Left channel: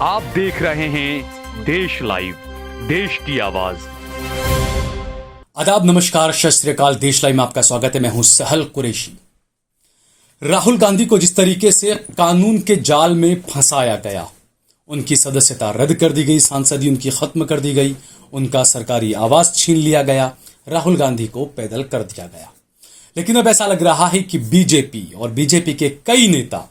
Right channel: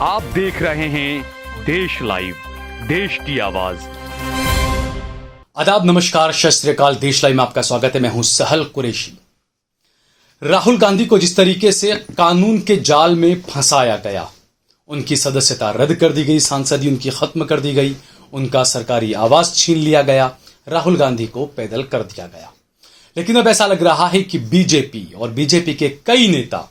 आप देख रहे हैं देश लाइव, देश की आवाज। आदाब, नमस्कार, सत श्री अकाल। देश लाइव में आपका स्वागत है। मैं हूं सहल कुरैशी। राहुल गांधी को जिस तरीके से कानून के जाल में फंसाया गया, उनकी सदस्यता रद्द कर दी गई, सांसदी उनकी खत्म कर दी गई, उनका सरकारी आवास छीन लिया गया, राहुल गांधी को पैदल कर दिया गया। लेकिन अब ऐसा लग रहा है कि बीजेपी और बीजेपी के कई नेता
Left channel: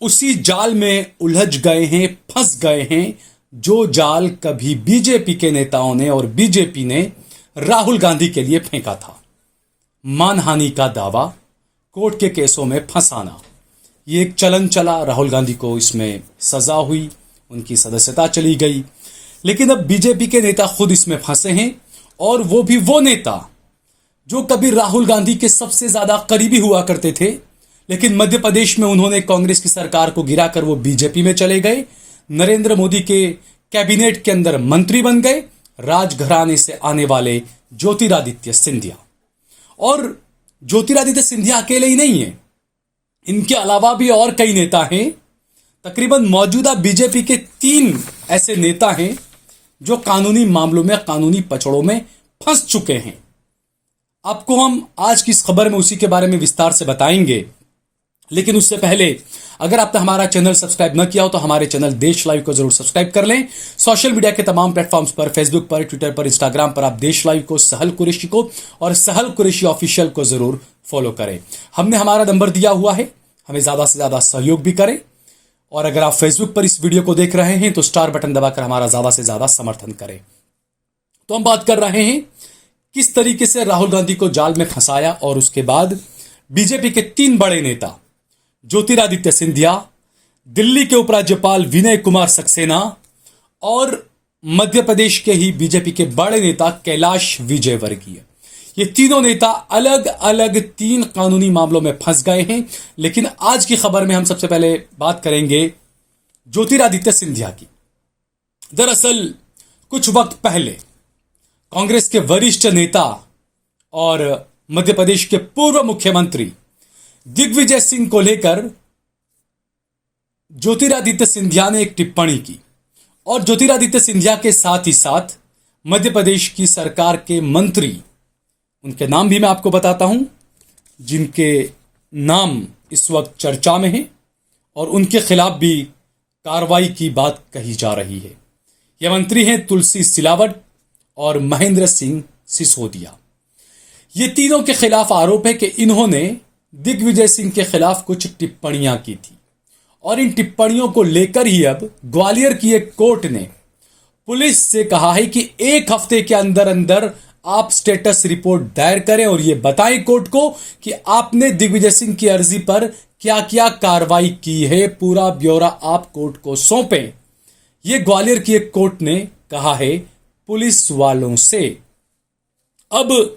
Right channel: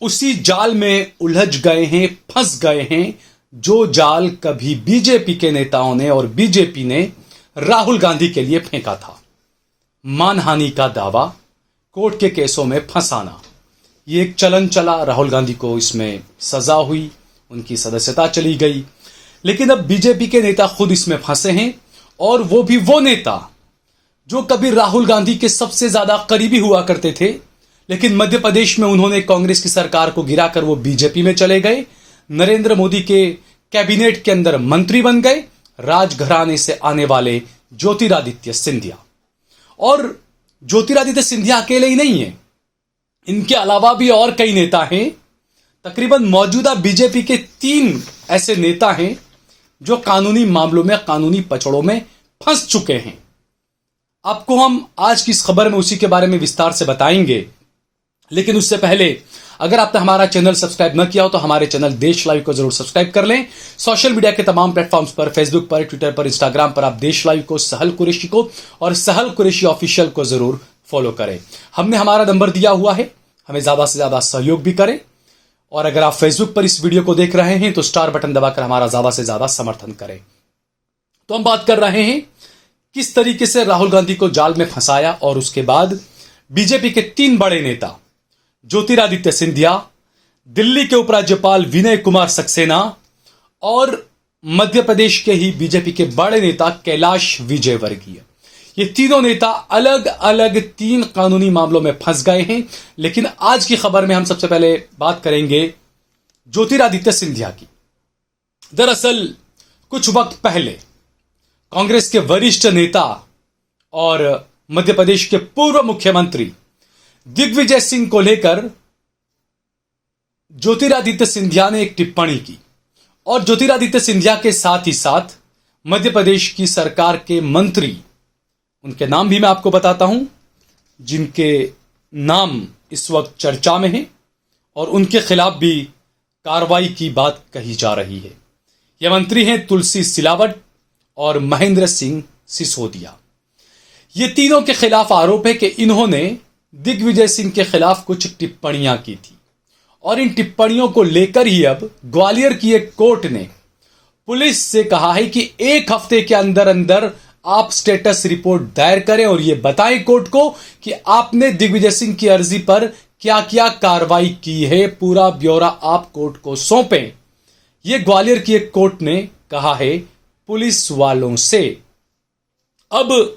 उसी जाल में उलझ गए हैं, फंस गए हैं, जो जाल कभी बीजेपी के नेताओं ने और बीजेपी ने राहुल गांधी के लिए फेंका था। मानहानि का दावा, कोर्ट के केसों में फंसाना, ये एक चलन चला। राहुल गांधी को इसमें सजा हुई, उनकी सदस्यता चली गई। लेकिन अब बीजेपी के नेता खुद इसमें फंसे हैं, और वो भी वो नेता जो कभी राहुल गांधी के सबसे ज्यादा करीबी हुआ करते थे, लेकिन मध्य प्रदेश में उन्होंने कांग्रेस की सरकार को गिराकर वो बीजेपी में चले गए, नरेंद्र मोदी के कैबिनेट के अंदर मंत्री बन गए, राजघराने से आने वाले ज्योतिरादित्य सिंधिया। और ज्योतिरादित्य सिंधिया अकेले ही नहीं है, इनके अलावा भी और कई नेता हैं। तकरीबन मौजूदा बीजेपी के 3 ऐसे नेता हैं जो कानूनी मामलों में, कानूनी पचड़ों में फंस चुके हैं। आपको हम आज की इस खबर में उसी के बारे में विस्तार से बताएंगे। लेकिन उससे पहले, अगर आपने हमारा चैनल सब्सक्राइब न किया हो तो हमारे चैनल देश लाइव को जरूर सब्सक्राइब कर लें। सोशल मीडिया के तमाम प्लेटफॉर्म्स पर, फेसबुक पर, ट्विटर पर, इंस्टाग्राम पर आप देश लाइव को, सहल कुरैशी को और सहल कुरैशी ऑफिशियल को जरूर फॉलो करें। हमने हमारा नंबर दिया हुआ है, हमें ज्यादा से ज्यादा सहयोग भी करें। और अगर आप फेसबुक पर इस वीडियो को देख रहे हैं तो स्टार बटन दबाकर हमारा ज्यादा से ज्यादा समर्थन करें। तो हम बात कर रहे हैं किस तरीके से राहुल गांधी को जाल में फंसाया, और उसके बाद बीजेपी के 3 बड़े नेता ज्योतिरादित्य सिंधिया, दिल्ली के उपराज्यपाल विनय कुमार सक्सेना और मध्य प्रदेश के ही बीजेपी के बड़े नेता कैलाश विजयवर्गीय, ये तीनों नेता अलग अलग 3 कानूनी मामलों में फंस गए हैं। लेकिन आज की खबर में हम सबसे पहले बात करेंगे ज्योतिरादित्य सिंधिया की। दरअसल कुछ वक्त पहले कांग्रेस के वरिष्ठ नेता और मध्य प्रदेश के पूर्व मुख्यमंत्री दिग्विजय सिंह को लेकर ज्योतिरादित्य सिंधिया ने एक टिप्पणी की, और ज्योतिरादित्य सिंधिया के साथ ही साथ मध्य प्रदेश की सरकार के मंत्री, उनके नाम भी मैं आपको बताता हूं, जिनके नाम इस वक्त चर्चा में हैं और उनके खिलाफ भी कार्रवाई की बात कही जा रही है। यह मंत्री हैं तुलसी सिलावट और महेंद्र सिंह सिसोदिया। ये तीनों के खिलाफ आरोप है कि इन्होंने दिग्विजय सिंह के खिलाफ कुछ टिप्पणियां की थी, और इन टिप्पणियों को लेकर ही अब ग्वालियर की एक कोर्ट ने पुलिस से कहा है कि 1 हफ्ते के अंदर अंदर आप स्टेटस रिपोर्ट दायर करें और यह बताएं कोर्ट को कि आपने दिग्विजय सिंह की अर्जी पर क्या क्या कार्रवाई की है। पूरा ब्यौरा आप कोर्ट को सौंपें। यह ग्वालियर की एक कोर्ट ने कहा है पुलिस वालों से। अब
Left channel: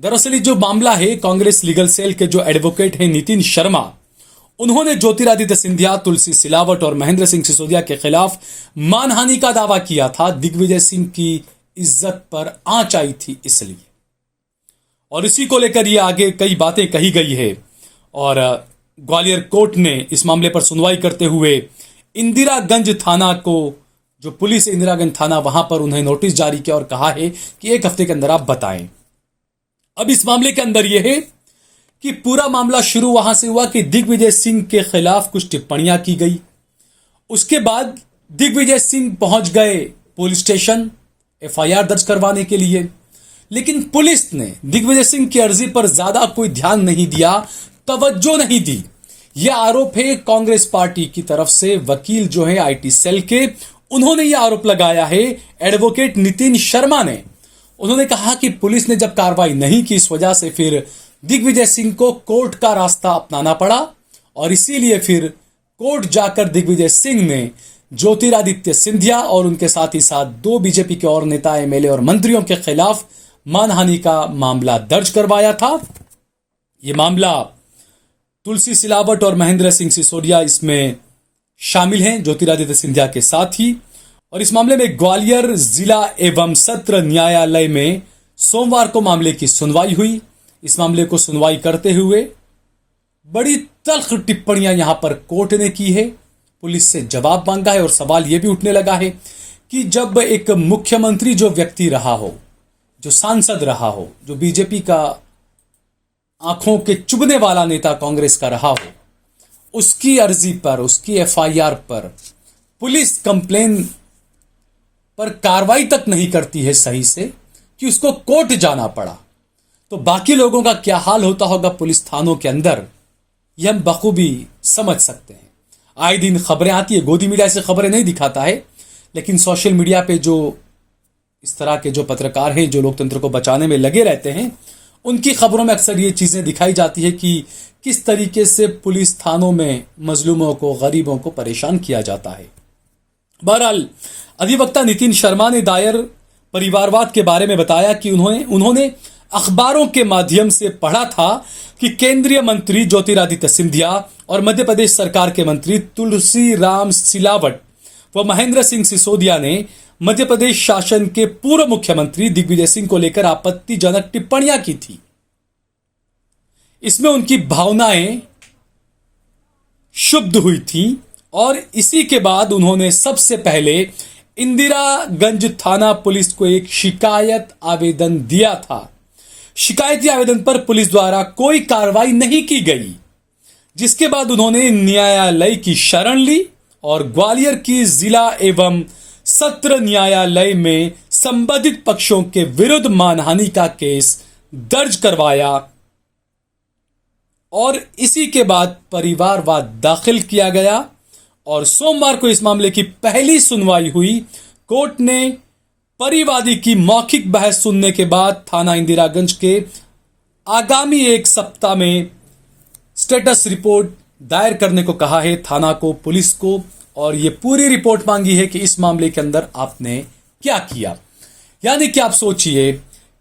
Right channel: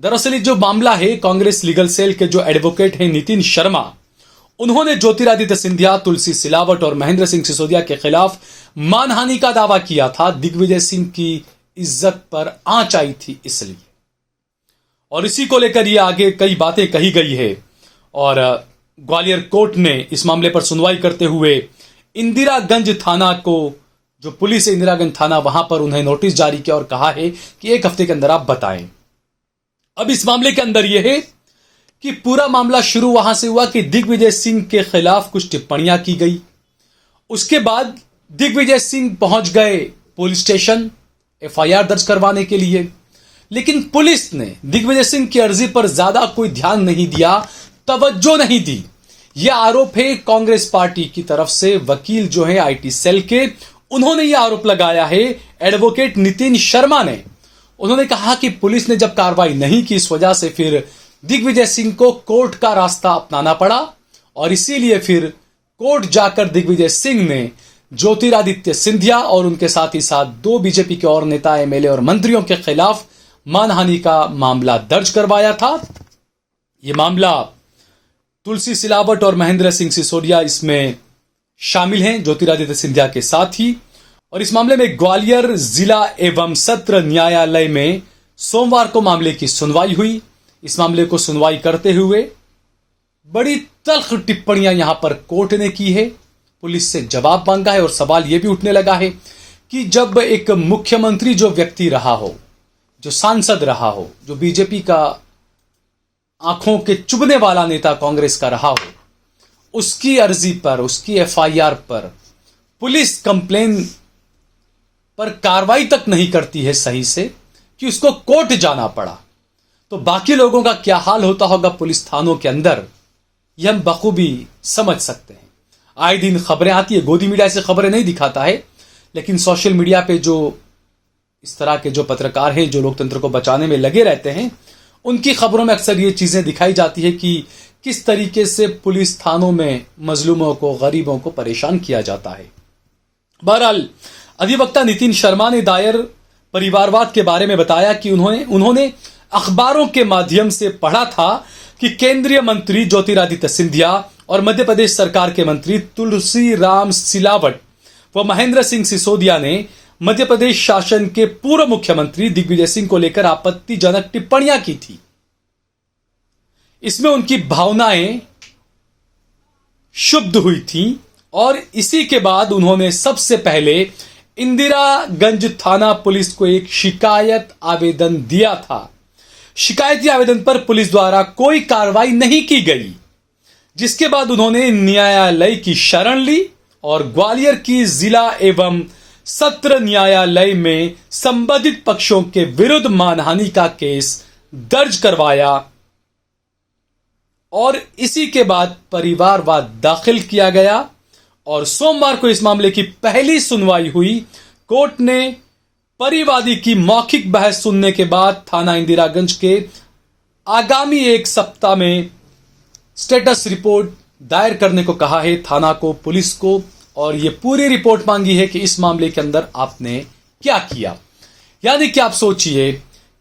दरअसल जो मामला है, कांग्रेस लीगल सेल के जो एडवोकेट हैं नितिन शर्मा, उन्होंने ज्योतिरादित्य सिंधिया, तुलसी सिलावट और महेंद्र सिंह सिसोदिया के खिलाफ मानहानि का दावा किया था। दिग्विजय सिंह की इज्जत पर आंच आई थी इसलिए, और इसी को लेकर ये आगे कई बातें कही गई है। और ग्वालियर कोर्ट ने इस मामले पर सुनवाई करते हुए इंदिरागंज थाना को, जो पुलिस है इंदिरागंज थाना, वहां पर उन्हें नोटिस जारी किया और कहा है कि 1 हफ्ते के अंदर आप बताएं। अब इस मामले के अंदर यह है कि पूरा मामला शुरू वहां से हुआ कि दिग्विजय सिंह के खिलाफ कुछ टिप्पणियां की गई। उसके बाद दिग्विजय सिंह पहुंच गए पुलिस स्टेशन एफआईआर दर्ज करवाने के लिए, लेकिन पुलिस ने दिग्विजय सिंह की अर्जी पर ज्यादा कोई ध्यान नहीं दिया, तवज्जो नहीं दी। यह आरोप है कांग्रेस पार्टी की तरफ से। वकील जो है आईटी सेल के, उन्होंने यह आरोप लगाया है एडवोकेट नितिन शर्मा ने। उन्होंने कहा कि पुलिस ने जब कार्रवाई नहीं की, इस वजह से फिर दिग्विजय सिंह को कोर्ट का रास्ता अपनाना पड़ा, और इसीलिए फिर कोर्ट जाकर दिग्विजय सिंह ने ज्योतिरादित्य सिंधिया और उनके साथ ही साथ 2 बीजेपी के और नेता, एमएलए और मंत्रियों के खिलाफ मानहानि का मामला दर्ज करवाया था। यह मामला तुलसी सिलावट और महेंद्र सिंह सिसोदिया इसमें शामिल हैं, ज्योतिरादित्य सिंधिया के साथ ही। और इस मामले में ग्वालियर जिला एवं सत्र न्यायालय में सोमवार को मामले की सुनवाई हुई। इस मामले को सुनवाई करते हुए बड़ी तल्ख टिप्पणियां यहां पर कोर्ट ने की है, पुलिस से जवाब मांगा है और सवाल यह भी उठने लगा है कि जब एक मुख्यमंत्री जो व्यक्ति रहा हो, जो सांसद रहा हो, जो बीजेपी का आंखों के चुभने वाला नेता कांग्रेस का रहा हो, उसकी अर्जी पर, उसकी एफआईआर पर पुलिस कंप्लेन पर कार्रवाई तक नहीं करती है सही से, कि उसको कोर्ट जाना पड़ा, तो बाकी लोगों का क्या हाल होता होगा पुलिस थानों के अंदर, यह हम बखूबी समझ सकते हैं। आए दिन खबरें आती है, गोदी मीडिया से खबरें नहीं दिखाता है, लेकिन सोशल मीडिया पे जो इस तरह के जो पत्रकार हैं जो लोकतंत्र को बचाने में लगे रहते हैं, उनकी खबरों में अक्सर ये चीजें दिखाई जाती है कि किस तरीके से पुलिस थानों में मजलूमों को, गरीबों को परेशान किया जाता है। बहरहाल अधिवक्ता नितिन शर्मा ने दायर परिवारवाद के बारे में बताया कि उन्होंने अखबारों के माध्यम से पढ़ा था कि केंद्रीय मंत्री ज्योतिरादित्य सिंधिया और मध्य प्रदेश सरकार के मंत्री तुलसी राम सिलावट व महेंद्र सिंह सिसोदिया ने मध्य प्रदेश शासन के पूर्व मुख्यमंत्री दिग्विजय सिंह को लेकर आपत्तिजनक टिप्पणियां की थी। इसमें उनकी भावनाएं शुद्ध हुई थी और इसी के बाद उन्होंने सबसे पहले इंदिरागंज थाना पुलिस को एक शिकायत आवेदन दिया था। शिकायती आवेदन पर पुलिस द्वारा कोई कार्रवाई नहीं की गई, जिसके बाद उन्होंने न्यायालय की शरण ली और ग्वालियर की जिला एवं सत्र न्यायालय में संबंधित पक्षों के विरुद्ध मानहानि का केस दर्ज करवाया और इसी के बाद परिवारवाद दाखिल किया गया और सोमवार को इस मामले की पहली सुनवाई हुई। कोर्ट ने परिवादी की मौखिक बहस सुनने के बाद थाना इंदिरागंज के आगामी एक सप्ताह में स्टेटस रिपोर्ट दायर करने को कहा है थाना को, पुलिस को, और ये पूरी रिपोर्ट मांगी है कि इस मामले के अंदर आपने क्या किया। यानी कि आप सोचिए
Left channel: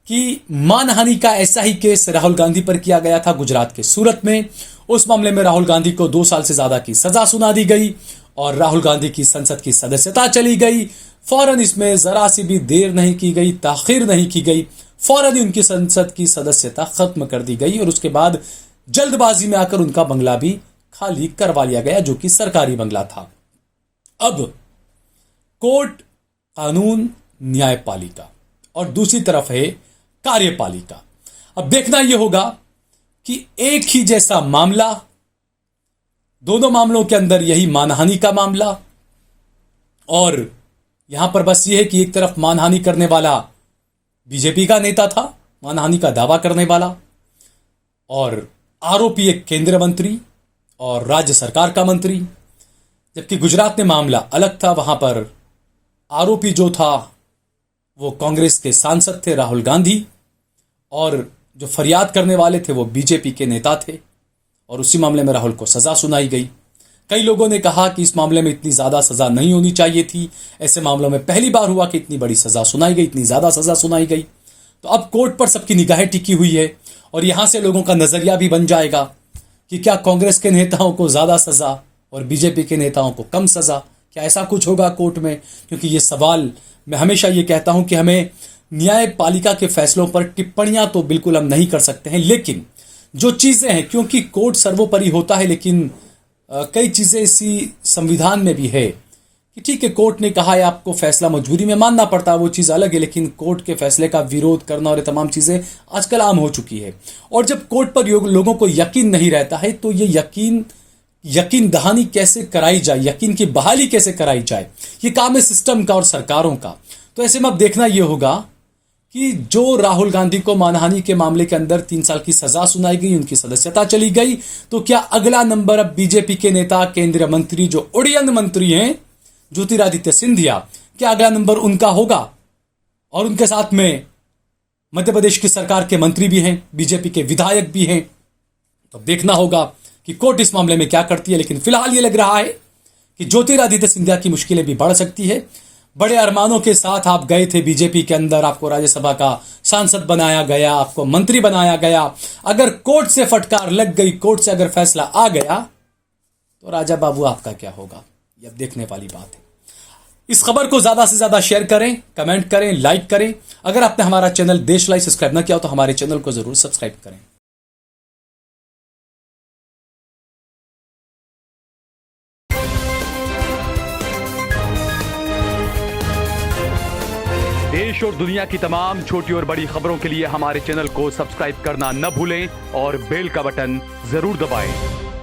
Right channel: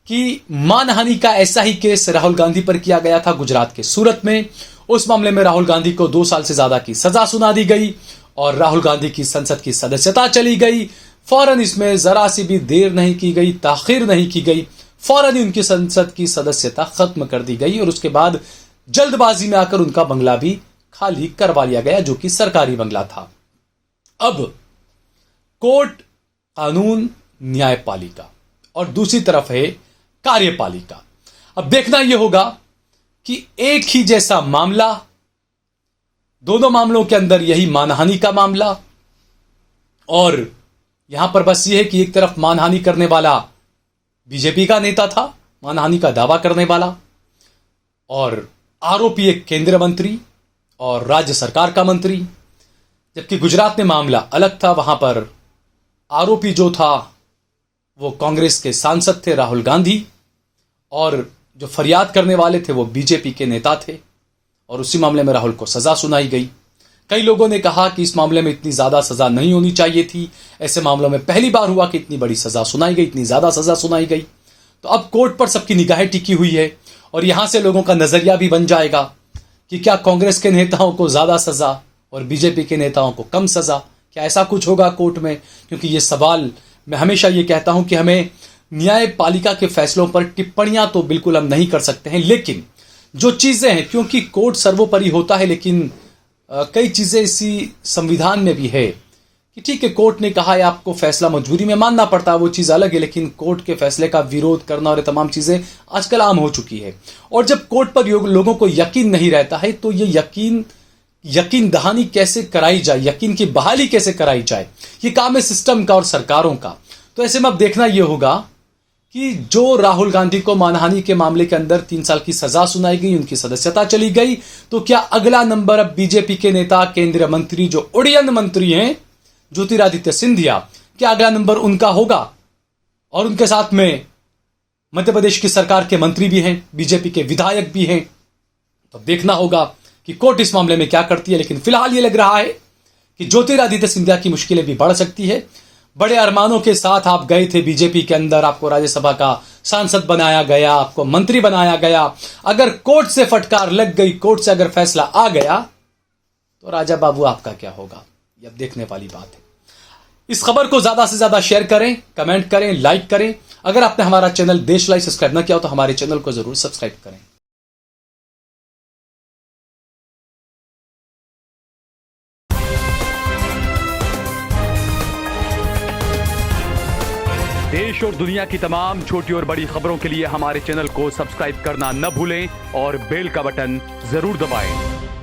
कि मानहानि का ऐसा ही केस राहुल गांधी पर किया गया था गुजरात के सूरत में। उस मामले में राहुल गांधी को 2 साल से ज्यादा की सजा सुना दी गई और राहुल गांधी की संसद की सदस्यता चली गई। फौरन इसमें जरा सी भी देर नहीं की गई, ताखिर नहीं की गई, फौरन ही उनकी संसद की सदस्यता खत्म कर दी गई और उसके बाद जल्दबाजी में आकर उनका बंगला भी खाली करवा लिया गया, जो कि सरकारी बंगला था। अब कोर्ट, कानून, न्यायपालिका और दूसरी तरफ है कार्यपालिका। अब देखना यह होगा कि एक ही जैसा मामला, दोनों मामलों के अंदर यही मानहानि का मामला, और यहां पर बस यह है कि एक तरफ मानहानि करने वाला बीजेपी का नेता था, मानहानि का दावा करने वाला, और आरोपी एक केंद्रीय मंत्री और राज्य सरकार का मंत्री, जबकि गुजरात में मामला अलग था। वहां पर आरोपी जो था वो कांग्रेस के सांसद थे राहुल गांधी, और जो फरियाद करने वाले थे वो बीजेपी के नेता थे, और उसी मामले में राहुल को सजा सुनाई गई। कई लोगों ने कहा कि इस मामले में इतनी ज्यादा सजा नहीं होनी चाहिए थी, ऐसे मामलों में पहली बार हुआ कि इतनी बड़ी सजा सुनाई गई, इतनी ज्यादा सजा सुनाई गई। तो अब कोर्ट पर सबकी निगाहें टिकी हुई है और यहां से लोगों का नजरिया भी बन जाएगा कि क्या कांग्रेस के नेताओं को ज्यादा सजा और बीजेपी के नेताओं को कम सजा, क्या ऐसा कुछ होगा कोर्ट में? क्योंकि ये सवाल, मैं हमेशा ये कहता हूं कि हमें न्यायपालिका के फैसलों पर टिप्पणियां तो बिल्कुल हम नहीं कर सकते हैं, लेकिन जो चीजें हैं, क्योंकि कोर्ट सर्वोपरि होता है, लेकिन कई चीजें इसी संविधान में भी है कि ठीक है, कोर्ट ने कहा है आपको फैसला मजबूरी में मानना पड़ता है, वो चीज अलग है, लेकिन कोर्ट के फैसले का विरोध करना और ये तमाम चीजें आजकल आम हो चुकी है। और जब कोर्ट पर लोगों को यकीन नहीं रहता है तो ये यकीन दहानी कैसे कराई जाए, यकीन की बहाली कैसे कराई जाए, ये काम है सिस्टम का और सरकारों का। तो ऐसे में अब देखना यह होगा कि जो राहुल गांधी को मानहानि के मामले के अंदर 3 साल की सजा सुनाई गई, उनकी सदस्यता चली गई, तो क्या अगला नंबर अब बीजेपी के नेता, केंद्रीय मंत्री, जो उड़ियन मंत्री हैं ज्योतिरादित्य सिंधिया, क्या अगला नंबर उनका होगा? और उनके साथ में मध्य प्रदेश की सरकार के मंत्री भी हैं, बीजेपी के विधायक भी हैं। तो देखना होगा कि कोर्ट इस मामले में क्या करती है, लेकिन फिलहाल ये लग रहा है कि ज्योतिरादित्य सिंधिया की मुश्किलें भी बढ़ सकती है। बड़े अरमानों के साथ आप गए थे बीजेपी के अंदर, आपको राज्यसभा का सांसद बनाया गया, आपको मंत्री बनाया गया, अगर कोर्ट से फटकार लग गई, कोर्ट से अगर फैसला आ गया, तो राजा बाबू आपका क्या होगा, ये अब देखने वाली बात है। इस खबर को ज्यादा से ज्यादा शेयर करें, कमेंट करें, लाइक करें। अगर आपने हमारा चैनल देश लाइव सब्सक्राइब न किया हो तो हमारे चैनल को जरूर सब्सक्राइब करें। देश और दुनिया की तमाम छोटी और बड़ी खबरों के लिए हमारे चैनल को सब्सक्राइब करना न भूलें और बेल का बटन जरूर दबाएं।